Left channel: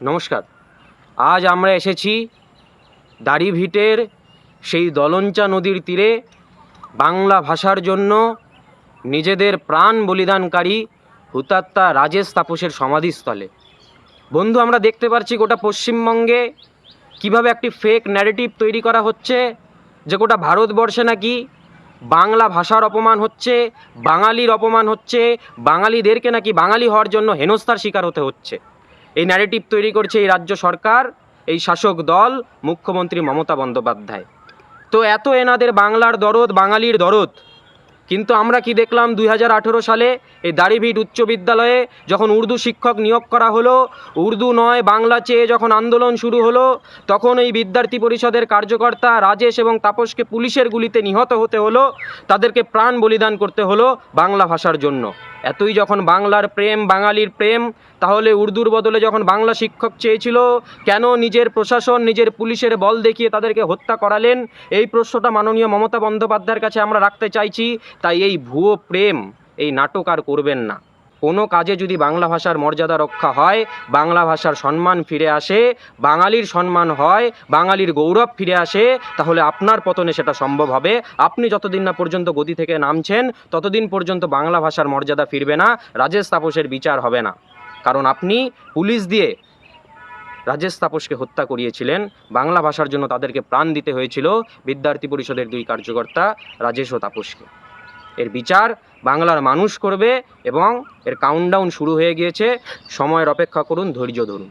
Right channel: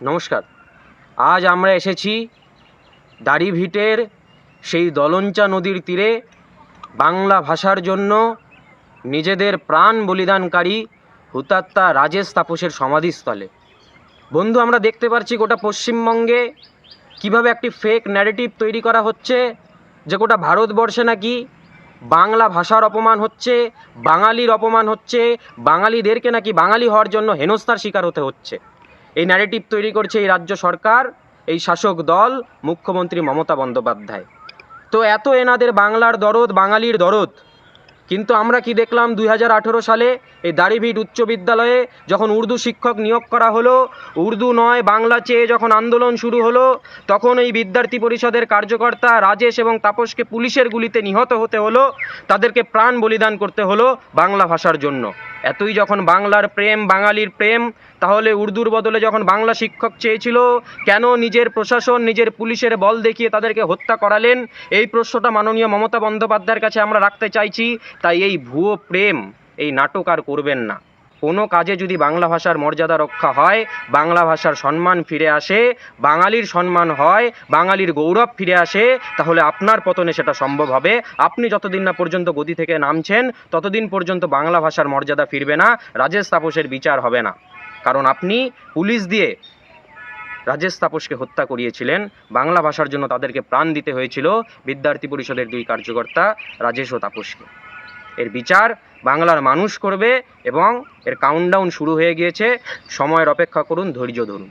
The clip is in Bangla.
নমস্কার। আজ আমরা এসেছি দাড়িভিটের সেই দলঞ্চা নদীর তীরে বাংলা ভাষার জন্য নিজেদের প্রাণ বলিদানকারী হুতাত্মা রাজেশ তাপসের সমাধিস্থলে। বন্ধু, আমরা দেখতে পাচ্ছি গোটা পশ্চিমবঙ্গে কিভাবে একটি ফেক ন্যারেটিভ তৈরি করা হচ্ছে যে গোটা ভারতবর্ষে নাকি বাংলা ভাষার অপমান হচ্ছে, বাঙালির অপমান হচ্ছে, বাঙালিদেরকে নাকি বাঙালি হওয়ার জন্য হেনস্থার শিকার হতে হচ্ছে। এই ন্যারেটিভ তৈরি করছে এই রাজ্য সরকার, এই শাসক দল, মুখ্যমন্ত্রী মমতা বন্দ্যোপাধ্যায়। তো এত এনাদের বাংলার দরদ, বাঙালির দরদ, কিন্তু আমরা কি দেখলাম 2018 সালে এই দাড়িভিট উচ্চ বিদ্যালয়ে যখন উর্দু শিক্ষক নিয়োগ করা হলো, উর্দু নয় বাংলা চেয়ে যখন আন্দোলন শুরু হলো, তখন এই বিদ্যার্থী পরিষদের কার্যকর্তা রাজেশ এবং তাপসকে পুলিশের গুলিতে নিহত হতে হলো, তাদেরকে প্রাণ বলিদান করতে হলো বাংলা ভাষার জন্য। এতই যখন বাংলার প্রেম, বাঙালির প্রেম, তাহলে উর্দুর বদলে যখন বাংলা শিক্ষক চেয়েছিল, কেন নিজের প্রশাসন, নিজের পুলিশের বল দেখিয়ে তাদেরকে হত্যা করালেন? এই প্রশ্নটা মাননীয় মমতা বন্দ্যোপাধ্যায়ের কাছে আমরা রাখতে চাইছি। তাই এই ভুয়ো প্রেম, এই নাটক আর করবেন না। কোনো কাজে যদি বাংলা ভাষার মর্যাদা রক্ষা হয়, বাংলা ভাষার সম্মান ফিরে আসে, বাঙালির সম্মান হয়, বাঙালির গৌরব ফিরে আসে, তাহলে আপনার পতনে সেটা সম্ভব হবে। আপনি যতদিন না পর্যন্ত গদি থেকে নামছেন, ততদিন পর্যন্ত বাংলা ভাষার মর্যাদা ফিরবে না, রাজেশ তাপসের বিচার হবে না। কারণ আপনি পুলিশ দিয়ে রাজেশ তাপসকে হত্যা করিয়েছিলেন, বাংলা ভাষার জন্য তাদেরকে প্রাণ দিতে হয়েছিল বিদ্যার্থী পরিষদের দুই কার্যকর্তা রাজেশ ও তাপসকে। এর বিচার বাংলার মানুষ করবে এবং এর কাউন্টডাউন শুরু হয়ে গিয়েছে। সময়ের অপেক্ষা করুন, ধৈর্য ধরুন।